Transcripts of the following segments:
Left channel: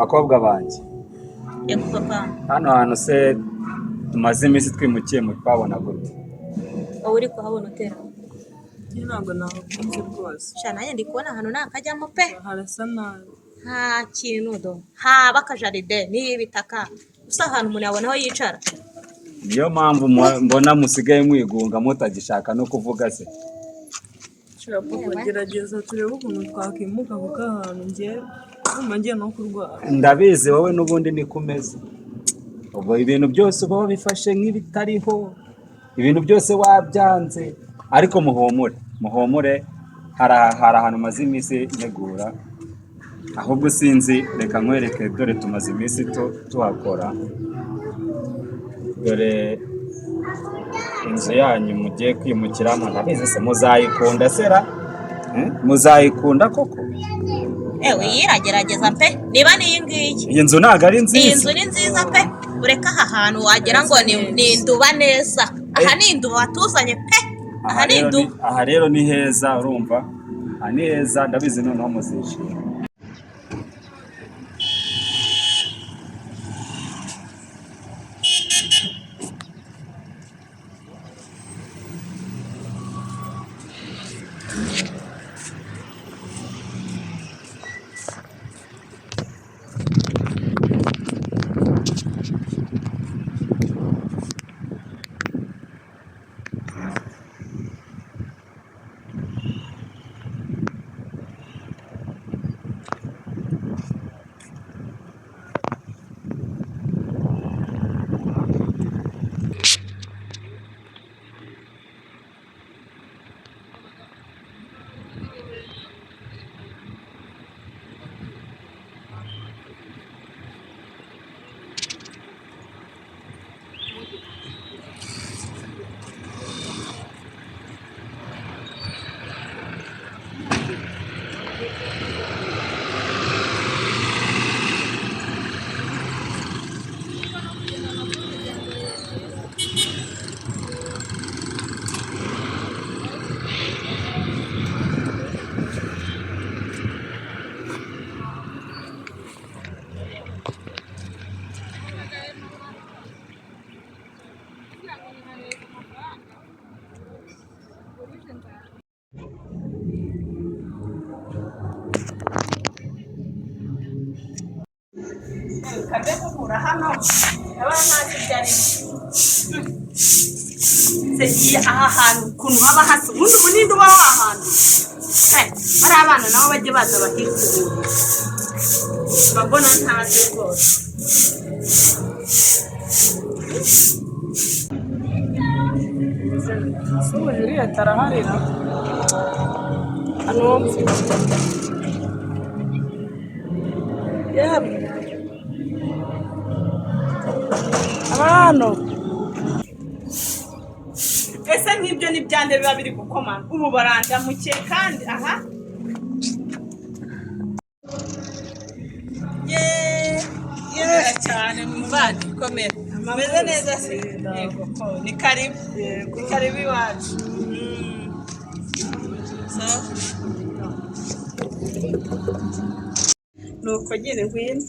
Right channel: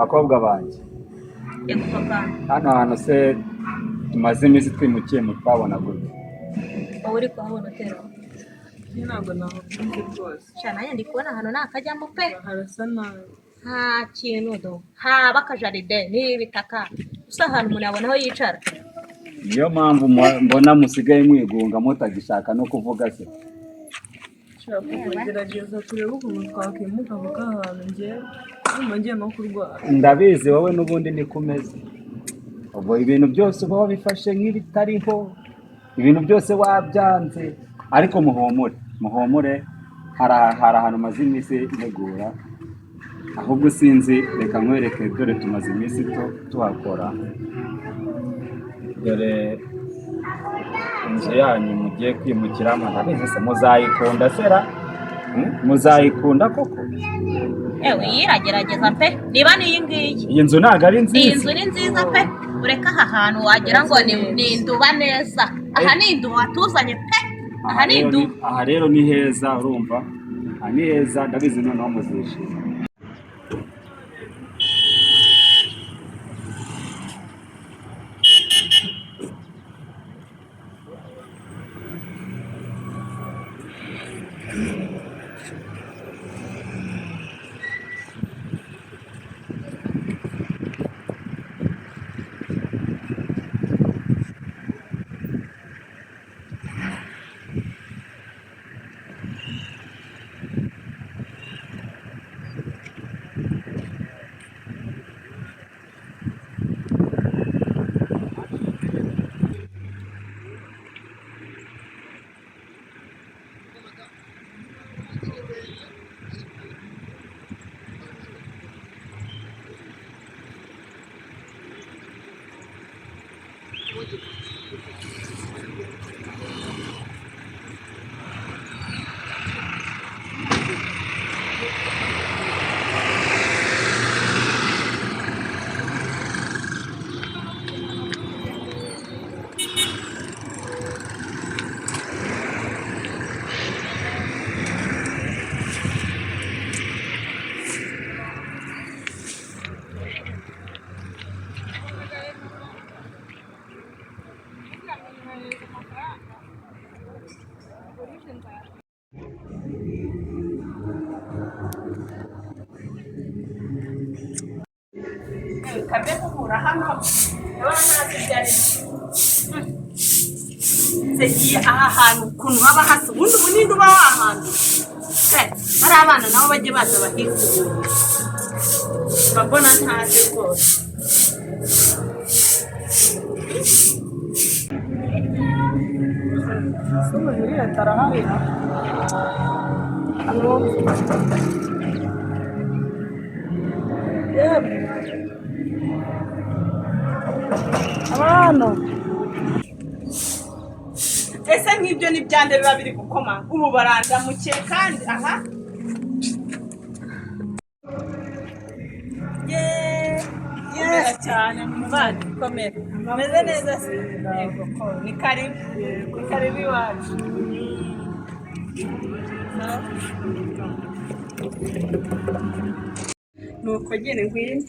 bakobwa banjye yego papa hano hantu se tumaze iminsi twimukiye mu twabona gute wowe uri kuhabona utera ntabwo nahakunze rwose sha nanjye ndi kubona ahantu nakajyamo pe harasa nabi nta kintu do haba akajaride n'ibitaka gusa ahantu umuntu yabona aho yicara niyo mpamvu mbona musigaye mwigunga mutagishaka no kuvuga se nshaka kugerageza turebe ukuntu twakimuka kuko ahantu ngiye no kurwara ndabizi wowe n'ubundi niko umeze ubu ibintu byose uba wabifashe nk'ibitariho ibintu byose wabyanze ariko muhumure hari ahantu maze iminsi ntegura ahubwo sinzi reka nkwereke dore tumaze iminsi tuhakora dore inzu yanyu mugiye kwimukiramo ndabizi se muzayikunda sera muzayikunda koko ewe yiragerageza pe niba niyi ngiyi iyi nzu ntabwo ari nziza iyi nzu ni nziza pe ureka aha hantu wagira ngo ni induba neza aha ni induba watuzanye pe aha ni induba aha rero ni heza urumva aha ni heza ndabizi noneho muzishima kabe kugura hano abana ntazi byari se aha hantu ukuntu haba hasi ubundi munindi uba wahantu hari abana nabo bajye baza bakikubura babona ntazi rwose sobo iriya taraharira hano abana ese nk'ibyo ni byande biba biri gukoma ubu barandamukiye kandi aha cyane muvandi komera ameze neza se yego ko ni karibu iwacu nuko nyine ngwino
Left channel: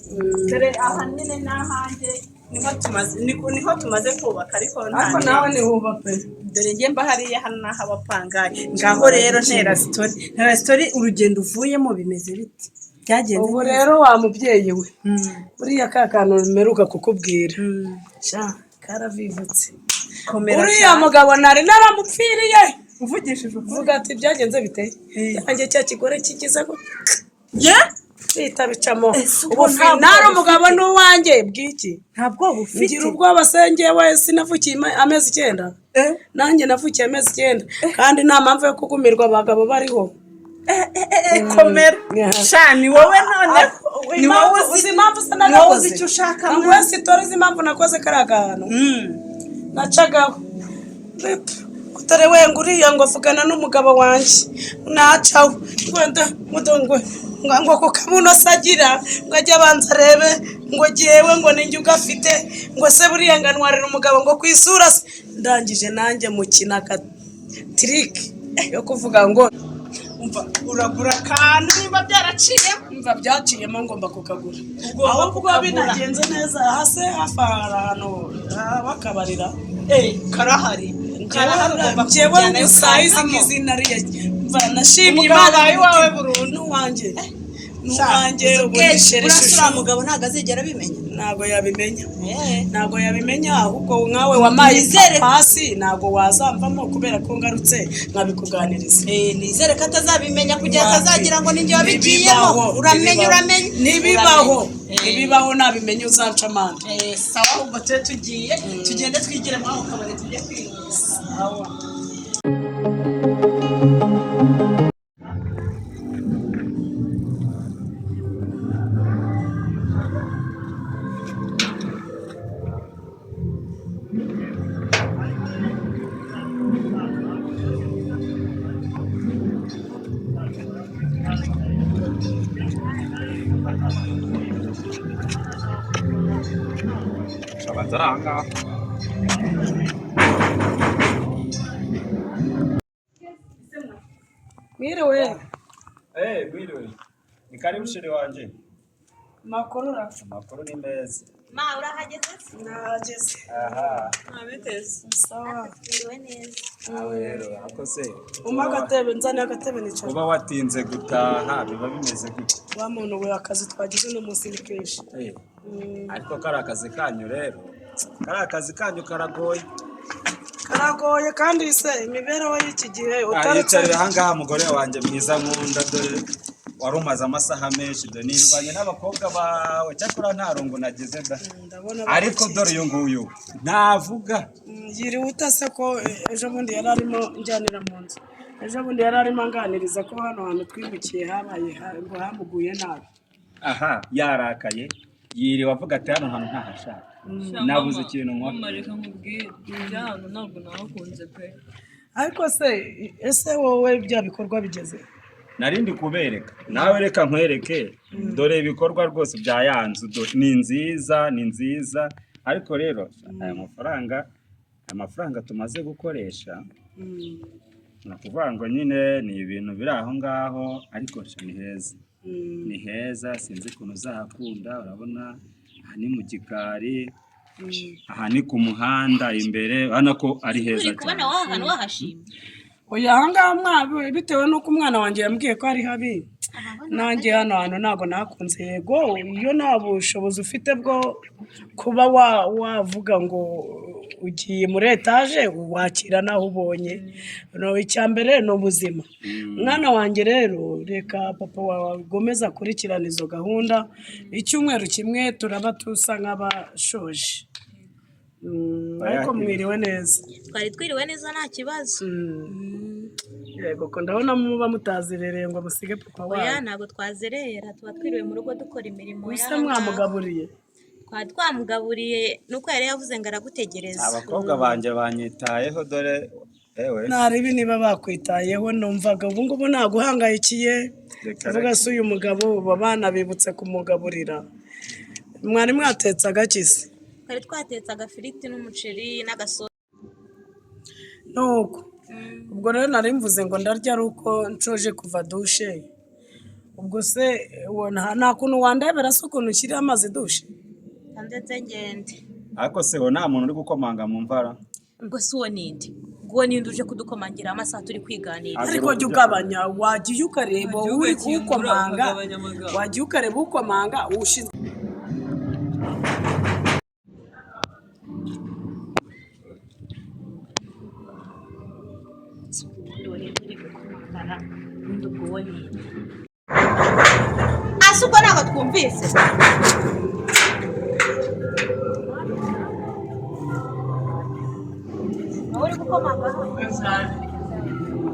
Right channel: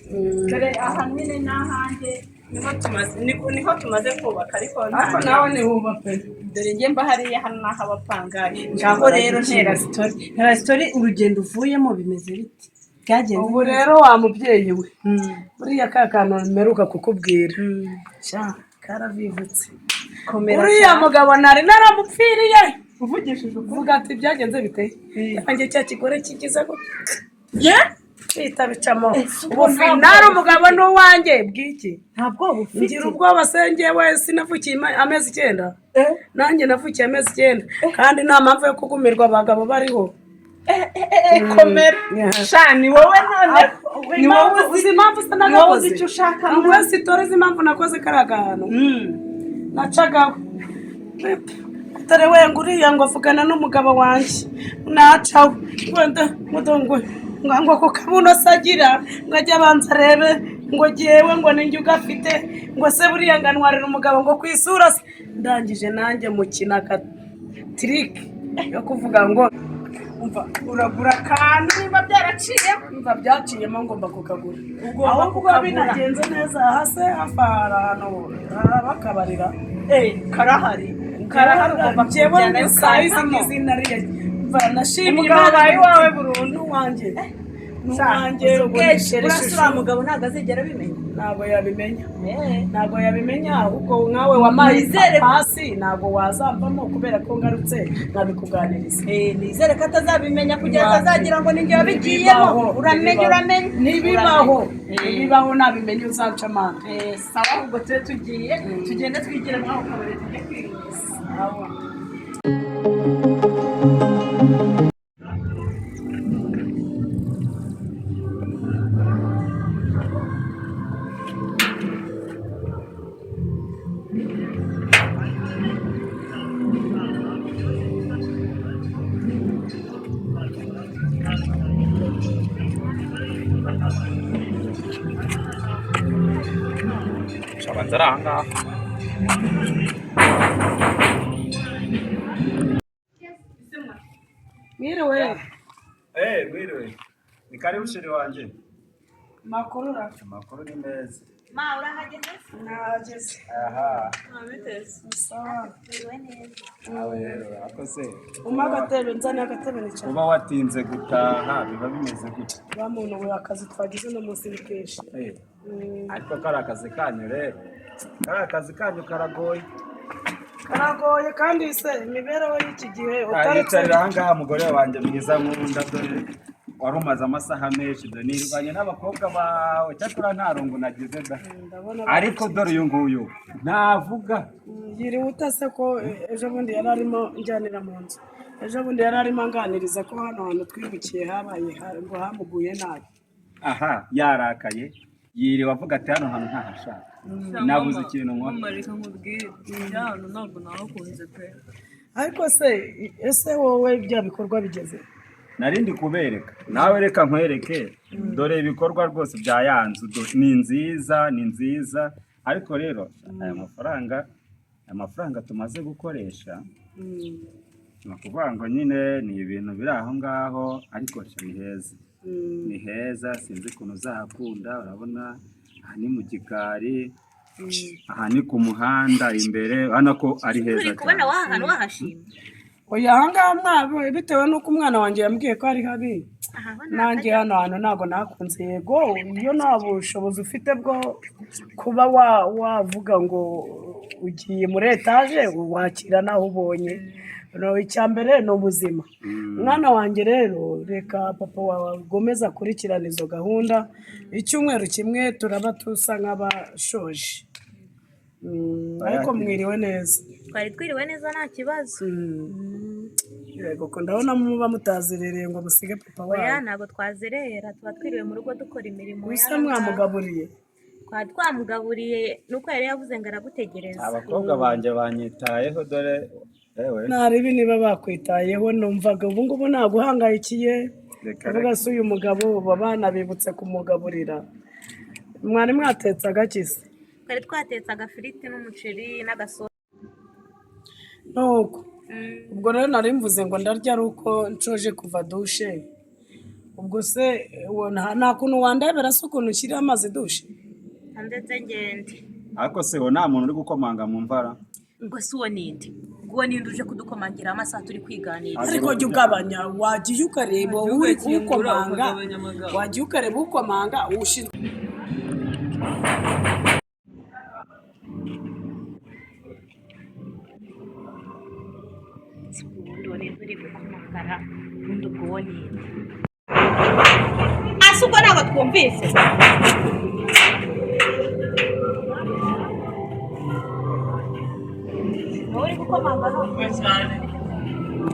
dore aha nyine n'ahanjye niho tumaze kubaka ariko nawe nihuba pe dore njye mba hariya hano n'aho abapangaye ngaho rero ntera sitori urugendo uvuyemo bimeze biti byagenze ubu rero wa mubyeyi we buriya ka kantu mperuka kukubwira karavivutse uriya mugabo nari naramupfiriye uvugishije uvuga ati byagenze bite yanjye cya kigore kigize ko bita bicamo ubu ntari umugabo n'uwanjye bw'iki ntabwo bufite ngira ubwoba sengeye wese navukiye amezi 9 nanjye navukiye amezi 9 kandi nta mpamvu yo kugumirwa abagabo bariho komera shani wowe none ni wowe uzi impamvu se nakoze icyo ushaka ngo sitori z'impamvu nakoze karagano nacagaho utare wenga uriya ngo avugana n'umugabo wanjye nacaho wenda mudongwe ngo ko kamuno sagira ngo ajya abanza arebe ngo giyewe ngo ninjye ugafite ngo se buriya nganwarira umugabo ngo kwisura ndangije nanjye mukina ka trick yo kuvuga ngo umva uragura akantu niba byaraciye umva byaciyemo ngomba kukagura Ugomba ahubwo kukagura. binagenze neza hase hafi ahantu bakabarira karahari njyewe gusa izi ngizi nariye mva nashimye Umugabo Imana iwawe burundu wanjye urasura mugabo ntabwo azigera abimenya ntabwo yabimenya ahubwo nkawe wamaye hasi ntabwo wazamvamo kubera ko ngarutse nkabikuganiriza nizere ko atazabimenya kugira atazagira ngo ninjye wabigiyemo uramenye ntibibaho nabimenye uzaca amande sawa ahubwo tube tugiye tugende twigire muri ako kabari tujye kwirinda Shabanza ari ahangaha. mwiriwe Mwiriwe. Ni karibu shiri wanje. makuru Amakuru ni meza. ma urahageze nahageze Aha. abiteze sawa iriwe neza Nawe rero akose. umpa agatebe nzane agatebe nicara Kuba watinze gutaha biba bimeze gute? wa muntu we akazi twagize no munsi ni kenshi Ariko kari akazi kanyu rero. Kari akazi kanyu karagoye. karagoye kandi se imibereho y'iki gihe Yicarira ahangaha mugore wanjye mwiza nkunda dore wari umaze amasaha menshi dore nirwanye n'abakobwa bawe cyakora nta rungu nagize da ariko dore uyu nguyu ntavuga yiriwe utase ko ejo bundi yari arimo njyanira mu nzu ejo bundi yari arimo anganiriza ko hano hantu twimukiye habaye ngo hamuguye nabi aha yarakaye yiriwe avuga ati hano hantu ntahashaka nabuze ikintu nkora reka nkubwire ibya hano ntabwo nahakunze pe ariko se ese wowe bya bikorwa bigeze narindi kubereka nawe reka nkwereke dore ibikorwa rwose bya yanzu ni nziza ariko rero aya mafaranga tumaze gukoresha ni ukuvuga ngo nyine ni ibintu biri aho ngaho ariko ni heza sinzi ukuntu uzahakunda urabona aha ni mu gikari aha ni ku muhanda imbere urabona ko ari heza cyane kubona wahana wahashimye oya ahangaha mwabe bitewe n'uko umwana wanjye yambwiye ko ari habi nanjye hano hantu ntabwo nakunze yego iyo nta bushobozi ufite bwo kuba wavuga ngo ugiye muri etaje wakira naho ubonye icya mbere ni ubuzima mwana wanjye rero reka papa wawe agomeza akurikirana izo gahunda icyumweru kimwe turaba tusa nk'abashoje ariko mwiriwe neza twari twiriwe neza nta kibazo yego ko ndabona muba mutazirereye ngo musige papa wawe oya ntabwo twazerera tuba twiriwe mu rugo dukora imirimo bisa mwamugaburiye twari twamugaburiye nuko yari yavuze ngo aragutegereza abakobwa banjye banyitayeho dore ntarebe niba bakwitayeho numvaga ubu ngubu naguhangayikiye ndavuga se uyu mugabo abana bibutse kumugaburira mwari mwatetse agakisi twari twatetse agafiriti n'umuceri n'agasosi nuko ubwo rero nari mvuze ngo ndarya ari uko nshoje kuva dushe ubwo se nta kuntu wandebera se ukuntu ushyiriye amazi dushe ndetse ngende ariko se nta muntu uri gukomanga mu mvara ubwo si uwo ninde ubwo ninde uje kudukomangira amasaha turi kwiganira ariko jya ugabanya wagiye ukareba uri kuwukomanga wagiye ukareba ukomanga ushinzwe ase ubwo ntabwo twumvise nawe uri gukomanga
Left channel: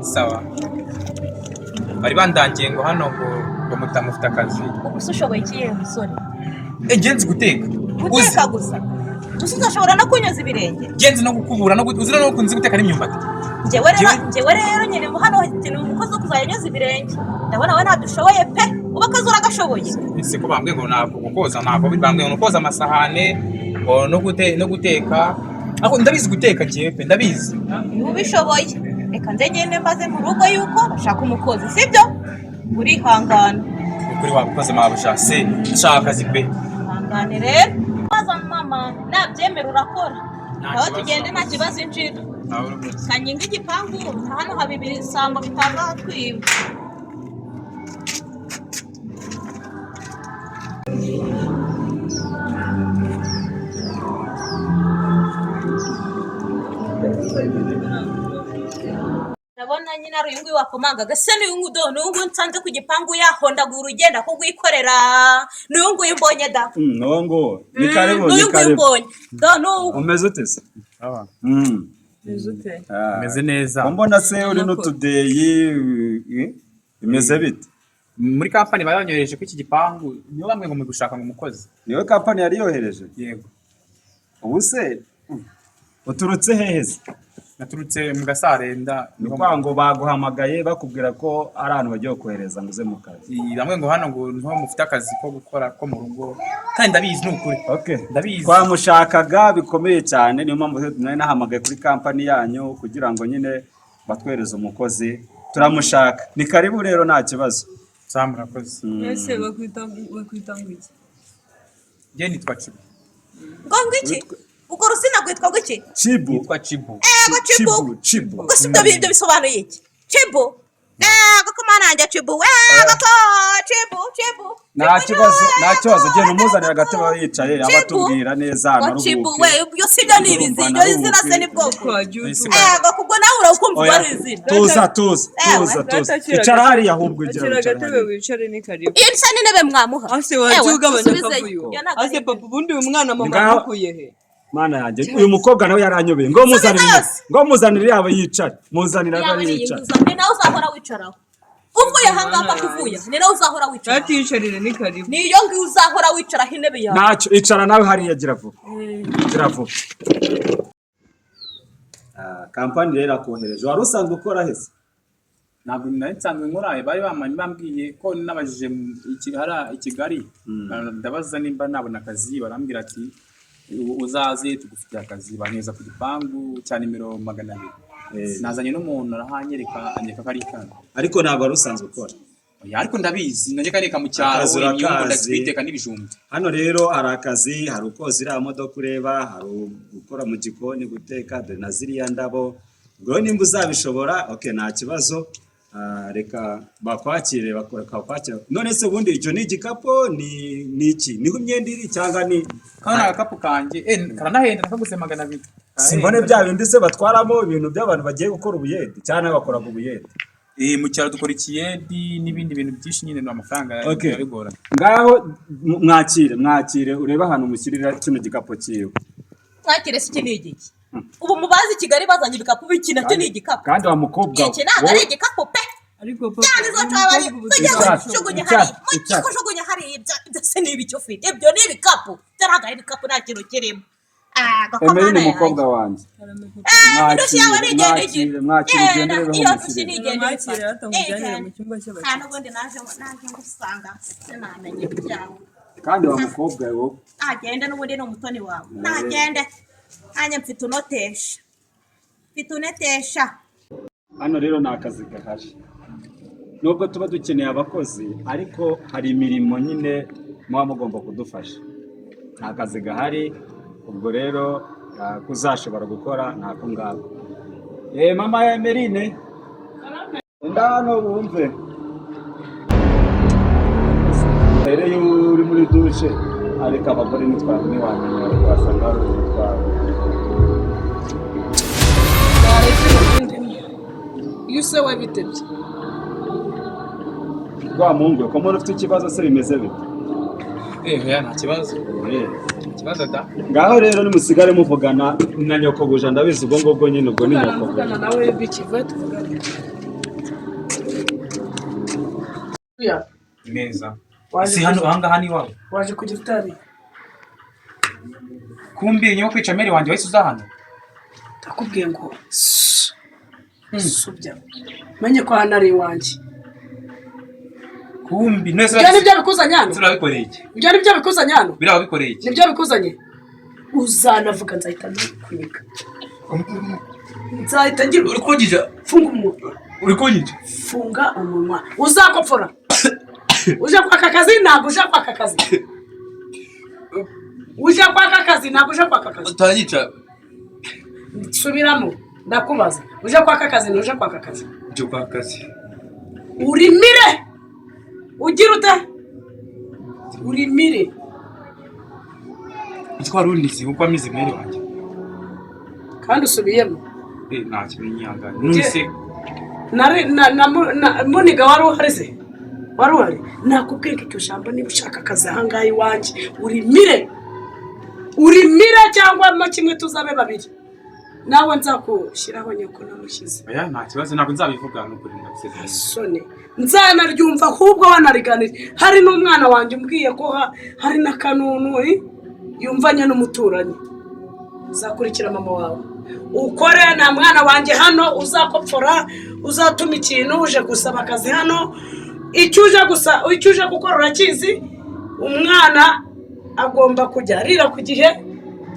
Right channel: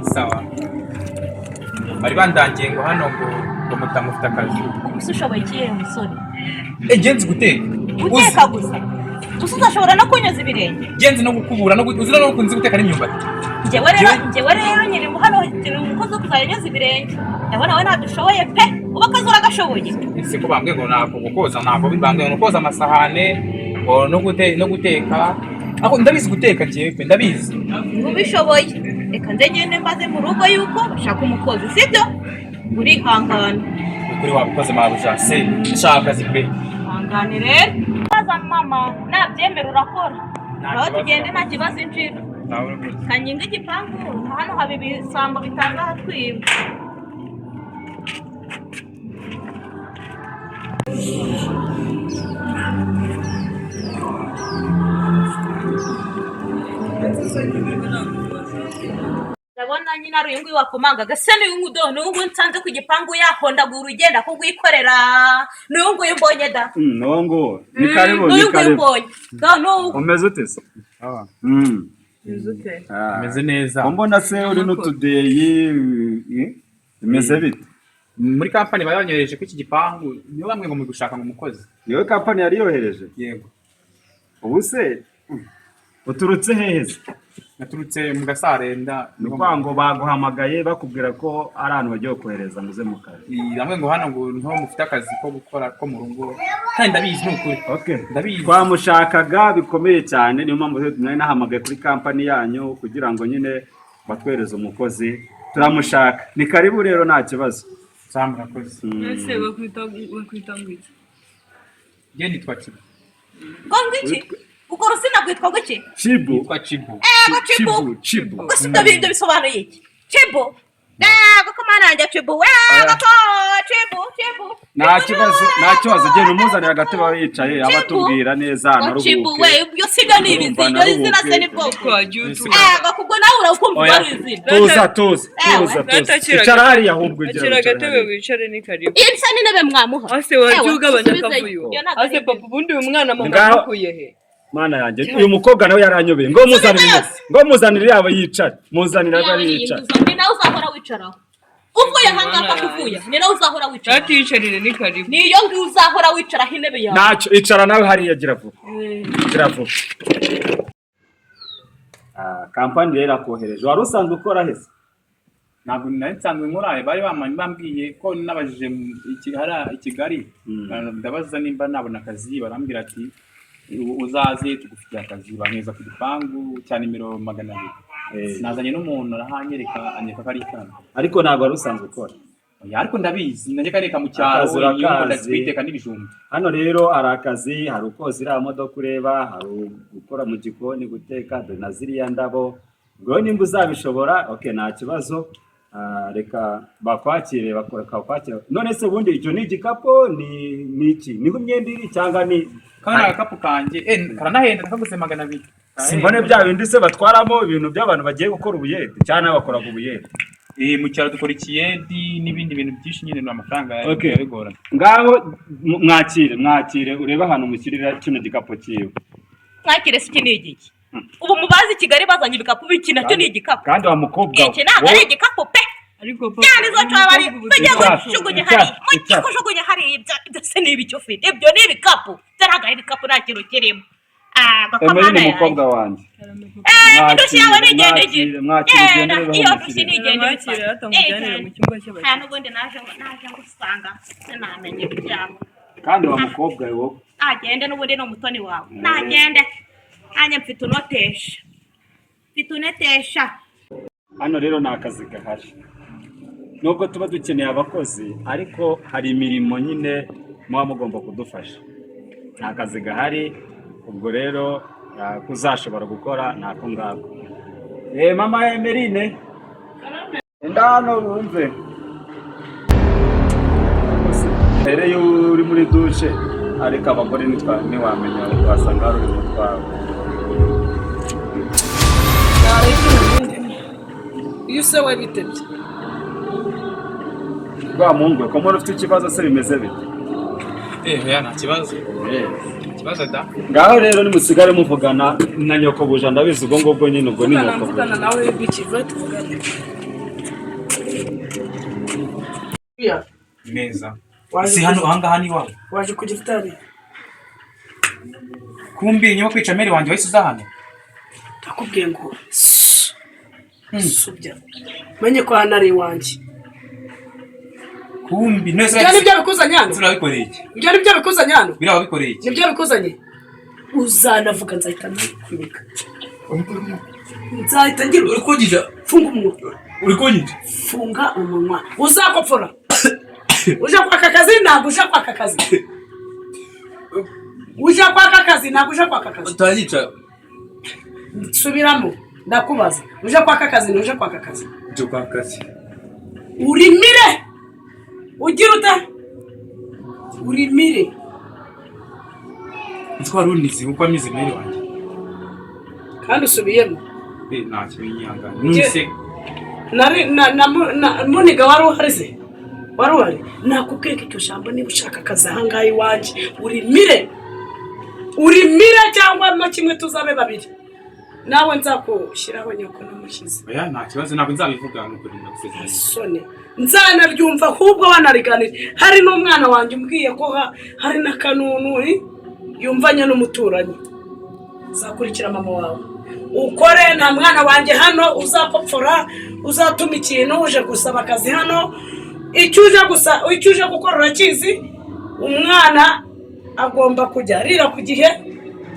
Sawa. Bari bandangiye ngo hano ngo mutamufite akazi. ubuse ushoboye ikihe musore Ngenzi guteka. guteka gusa gusa udashobora no kunyuza ibirenge Ngenzi no gukubura no uzira no kunzi guteka n'imyumbati. njyewe rero nyiri hano ikintu umukozi wo kuzajya anyuza ibirenge ndabona we ntabwo ushoboye pe uba akazi uragashoboye Ese ko bambwiye ngo ntabwo gukoza ntabwo bambwiye ngo koza amasahane ngo no guteka. Ako ndabizi guteka njyewe pe ndabizi. ntubishoboye reka nze ngende mbaze mu rugo yuko bashaka umukozi sibyo urihangana kuri wabukoze mabuja se nshaka akazi pe hangane rero baza mama nabyemera urakora aho tugende nta kibazo injira kanyinga igipangu hano haba ibisambo bitaza hatwiba ndabona nyine ari uyu nguyu wakomangaga se n'uyu nguyu nsanze ku gipangu yahondagura urugenda kugwikorera n'uyu nguyu mbonye da n'uwo nguwo ni karibu n'uyu nguyu mbonye umeze ute se meze neza mbona se uri n'utudeyi bimeze bite muri kampani bayanyohereje ku iki gipangu niyo bamwe ngo mu gushaka ngo umukozi niwe kampani yari yohereje yego ubu se uturutse heza naturutse mu Gasarenda ni ngo baguhamagaye bakubwira ko ari ahantu bagiye kohereza muze mu kazi bamwe ngo hano ngo niho mufite akazi ko gukora ko mu rugo kandi ndabizi n'ukuri ndabizi twamushakaga bikomeye cyane niyo mpamvu nari nahamagaye kuri kampani yanyu kugira ngo nyine batwereze umukozi turamushaka ni karibu rero nta kibazo murakoze ese bakwita ngo iki je nitwa Chibu ngo iki uko rusina gwitwa guki Chibu nitwa Chibu Chibu gusa ibyo bisobanuye iki Chibu gakomana njya Chibu we gato Chibu nta kibazo genda umuzanira agatebe aho yicaye abatubwira neza naruhuke Chibu we ibyo sibyo ni ibizino izina se ni bwoko gakubwo nawe urakumva ari izina tuza icara hariya ahubwo igira agatebe wicare ni karibu isa n'intebe mwamuha ase waje ugabanya akavuyo ase papa ubundi umwana mama akuye he mana yanjye uyu mukobwa nawe yaranyobeye ngo muzanire yaba yicara muzanira ari yicara ni nawe uzahora wicaraho uvuye hangapa kuvuya ni nawe uzahora wicara atiyicarire ni karibu niyo ngiyo uzahora wicaraho intebe yawe ntacyo icara nawe hariya gira vuba kampani rero akohereje wari usanzwe ukora hese ntabwo nari nsanzwe nkora bari bambwiye ko nabajije i Kigali ndabaza nimba nabona akazi barambwira ati uzaze tugufitiye akazi banyeza ku gipangu cya nimero 200 nazanye n'umuntu arahanyereka anyeka kari kana ariko ntabwo ari usanzwe ukora ariko ndabizi nanjye kareka mu cyaro inyungu ndaziteka n'ibijumba hano rero hari akazi hari ukoza iriya modoka ureba hari gukora mu gikoni guteka dore na ziriya ndabo ngo nimba uzabishobora nta kibazo reka bakwakire bakwakira none se ubundi icyo ni igikapo ni iki niho imyenda iri cyangwa ni kana agakapu kanjye karanahenda nakaguze 200 simbone bya bindi se batwaramo ibintu by'abantu bagiye gukora ubuyede cyane bakora ku buyede mu cyaro dukora ikiyedi n'ibindi bintu byinshi nyine n'amafaranga yabigorana ngaho mwakire ureba ahantu mushyirira kino gikapo cyiwe mwakire se iki ni igiki ubu mubazi Kigali bazanye ibikapu biki nacyo ni igikapu kandi wa mukobwa iki ntabwo ari igikapu pe ariko papa cyane zo twabari kujugunya hari ibyo se ni ibiki ufite ibyo ni ibikapu byaraga ibikapu nta kintu kirimo gakomana ya umukobwa wanjye ndushye yawe nigende iyo ndushye nigende mwakire atamujyanira mu cyumba cy'abakiriya n'ubundi naje ngusanga sinamenye ibyawe kandi wa mukobwa wowe agende n'ubundi no mutoni wawe nagende hanya mfite unotesha hano rero ni akazi gahari nubwo tuba dukeneye abakozi ariko hari imirimo nyine muba mugomba kudufasha ni akazi gahari ubwo rero kuzashobora gukora ntako ngako mama Emeline enda hano bumve rero iyo uri muri dushe ariko abagore ntiwamenya wasanga hari uri mutwaro iyo se we bitebye rwa mungu ko muri ufite ikibazo se bimeze bite nta kibazo da ngaho rero nimusigare muvugana na nyoko buja ndabizi ubwo ngubwo nyine ubwo ni nyoko muvugana nawe bikiva tuvugane neza si hano ahangaha ni wawe waje ku gitari kumbi nyuma kwica meri wanjye wahise uza hano ndakubwiye ngo subya menye ko hano ari iwanjye kumbi nibyo bikuzanye hano turabikoreye iki nibyo bikuzanye hano biraba bikoreye iki nibyo bikuzanye uzanavuga nzahita nkwika nzahita ngira uri kugira funga umunwa. uri kunyica Funga umunwa uzakopfora. Uje kwaka kazi ntabwo uje kwaka kazi. Uje kwaka kazi ntabwo uje kwaka kazi. utanyica Subiramo ndakubaza. Uje kwaka kazi uje kwaka kazi. cyo kwa kazi Urimire. Ugira ute? Urimire. twari unizi uko amize mwere wanjye Kandi usubiyemo. nta kimenyangana nuse Nari na Muniga wari uhari se? Wari uhari? Nakubwiye ko icyo jambo niba ushaka akazi ahangaha iwanjye urimire. Urimire cyangwa kimwe tuzabe babiri. Nawe nzakushyiraho nyoko namushyize. oya nta kibazo ntabwo nzabivuga nuko ndagusezeranya Sone nzanaryumva ahubwo wanariganira. Hari n'umwana wanjye umbwiye ko hari na kanunu yumvanye n'umuturanyi. Uzakurikira mama wawe ukore na mwana wanjye hano uzakopfora uzatuma ikintu uje gusaba akazi hano icyo uje gukora urakizi. Umwana agomba kujya arira ku gihe.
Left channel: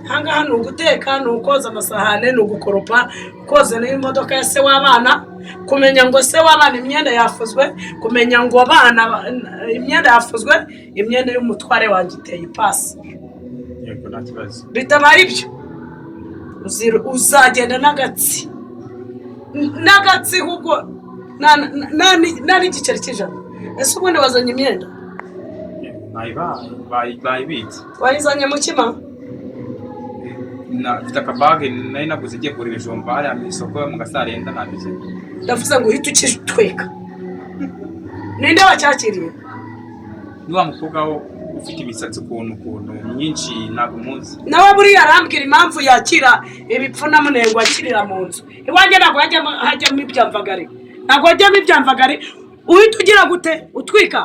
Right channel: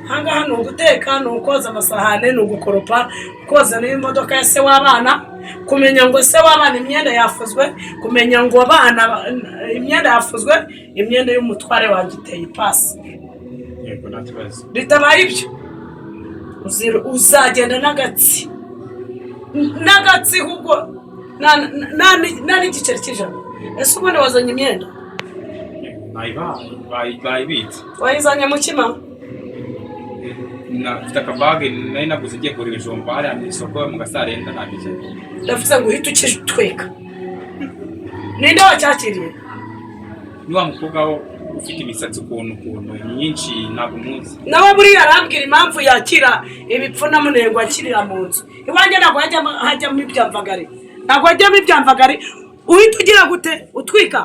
Hangaha ni uguteka ni ukoza amasahane ni ugukoropa koza n'imodoka ya se w'abana kumenya ngo se w'abana imyenda yafuzwe kumenya ngo abana imyenda yafuzwe imyenda y'umutware wanjye iteye ipasi. yego nta kibazo Bitabaye ibyo uzagenda n'agatsi ahubwo nta n'igiceri cy'ijana. Ese ubundi wazanye imyenda bayibitse wayizanye mu kima? mfite akabage nari naguze igiye kugura ibijumba hariya mu isoko mu gasarenda nabize ndavuze ngo uhite ukitweka. Ninde wacyakiriye? ni wa mukobwa wo ufite imisatsi ukuntu myinshi ntabwo muzi Nawe buriya arambwira impamvu yakira ibipfu na munengo akirira mu nzu iwanjye. Ntabwo hajyamo ibyamvagari. Ntabwo hajyamo ibyamvagari. Uhita ugira gute utwika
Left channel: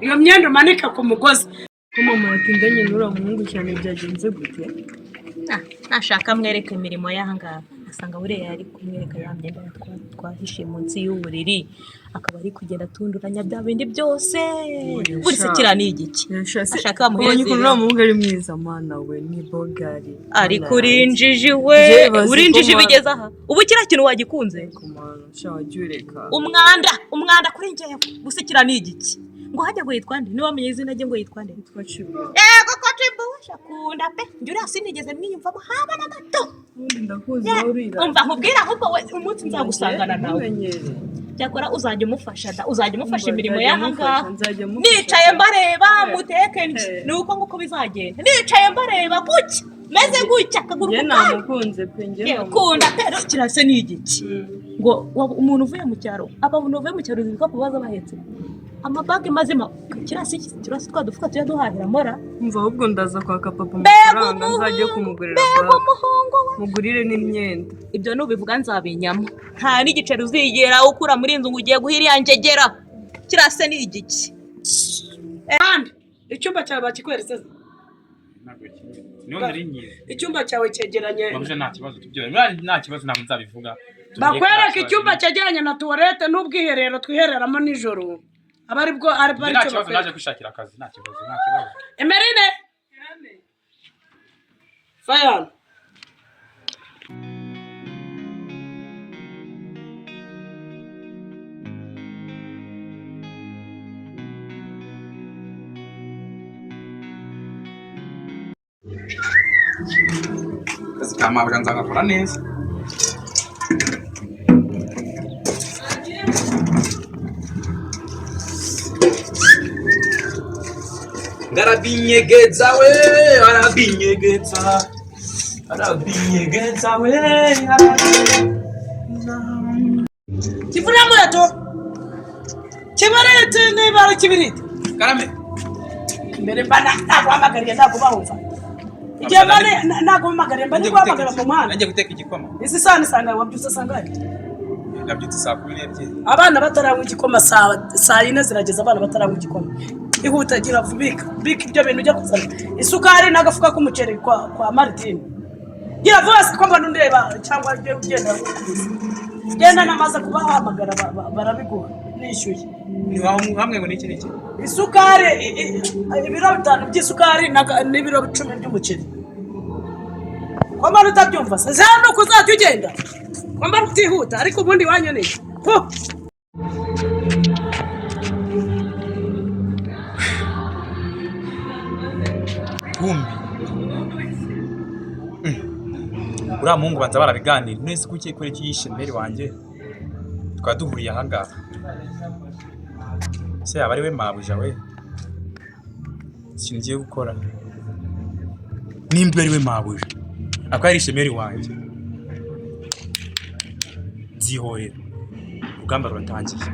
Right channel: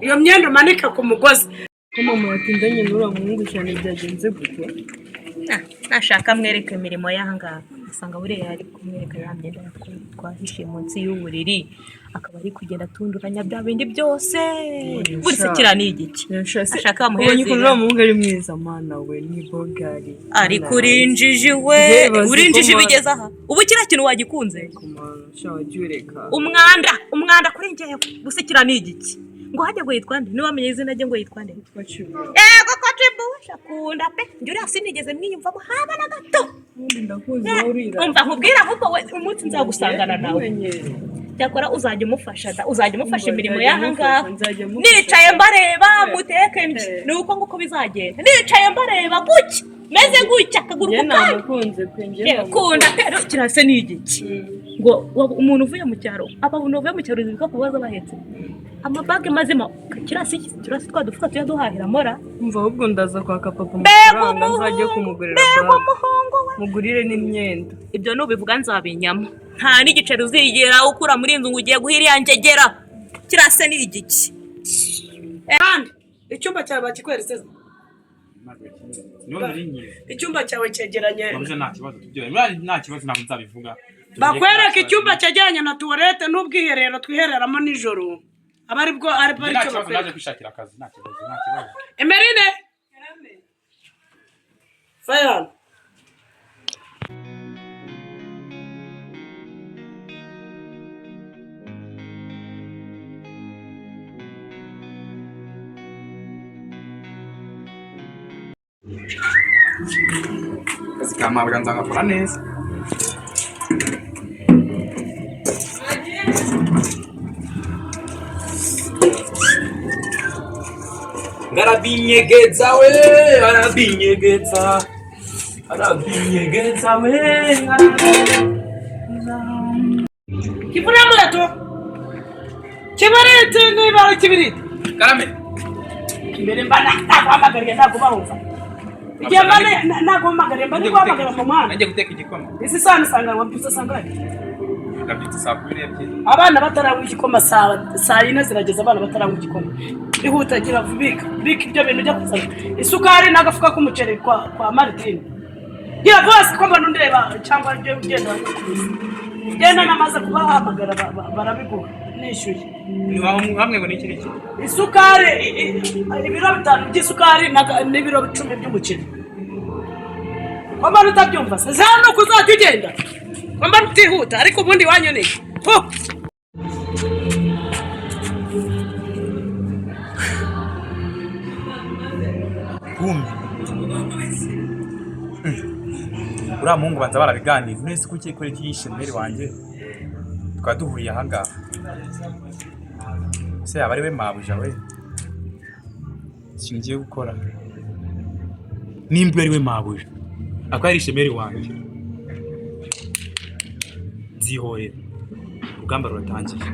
iyo myenda umanika ku mugozi. ko mama yatindanye n'uriya muhungu cyane byagenze gute? nashaka mwereke imirimo y'ahangaha asanga buriya yari kumwereka ya myenda twahishe munsi y'uburiri akaba ari kugenda atunduranya bya bindi byose. Buri se kira ni igiki ashaka muhezi uriya muhungu ari mwiza mana we ni bogari ari kurinjiji we urinjiji bigeze aha ubu kira kintu wagikunze umwanda kuri njyewe gusa kira ni igiki ngo hajya ngo yitwa nde niwamenye izina rye ngo yitwa nde yego ko Tribusha kunda pe njye sinigeze mwiyumvamo haba na gato. Umva nkubwira ahubwo we umunsi nzagusangana nawe cyakora uzajya umufasha imirimo y'ahangaha. Nicaye mbareba muteke nuko nguko bizagenda. Nicaye mbareba guki meze gutya akaguru namukunze pe njye kunda pero kirase ni igiki ngo umuntu uvuye mu cyaro ababuntu uvuye mu cyaro zibika kubaza bahetse amabage mazima kirasi twadufuka tuya duhahira mora. Umva ahubwo ndaza kwaka papa amafaranga nzajye kumugurira umuhungu we mugurire n'imyenda. Ibyo nubivuga nzabinyama nta n'igiceri uzigera ukura muri inzu ngo ugiye guhira yanjegera kirase ni igiki. Kandi icyumba cyawe bakikweretse icyumba cyawe cyegeranye nta kibazo ntabwo nzabivuga. Bakwereka icyumba cyegeranye na tuwarete n'ubwiherero twihereramo nijoro. Abari bwo nta kibazo naje kwishakira akazi nta kibazo. Emerine Fayan akazi ka mabwa nzagakora neza. Ngarabinyegeza we arabinyegeza we Kivuna mureto Kibarete n'ibara kibirite Karame mbere mbana naguhamagariye nagubahumva igihe mbane naguhamagariye mbane guhamagara mu muhanda najye guteka igikoma. isi sana sanga wabyutse sangane nabyutse saa 12 abana bataranywa igikoma saa 4 zirageza abana bataranywa igikoma. Ihuta gira vubika ibyo bintu ujya kuzana isukari n'agafuka k'umuceri kwa Martin. Gira vose ko mbona ndeba cyangwa ryo ugenda genda namaze kubahamagara barabigura nishyuye. Ni hamwe ngo niki niki Isukari ibiro 5 by'isukari n'ibiro 10 by'umuceri. Ko mbona utabyumva se no kuzajya ugenda Mamba rutihuta ariko ubundi wanyoneye. Ho. Kumbi. Uriya muhungu banza barabiganira nese kuki ikore cyishe mbere wanjye twaduhuriye ahangaha se yaba ari we mabuja we singiye gukora nimba ari we mabuja akaba ari ishemeri wanjye nzihorera urugamba ruratangiye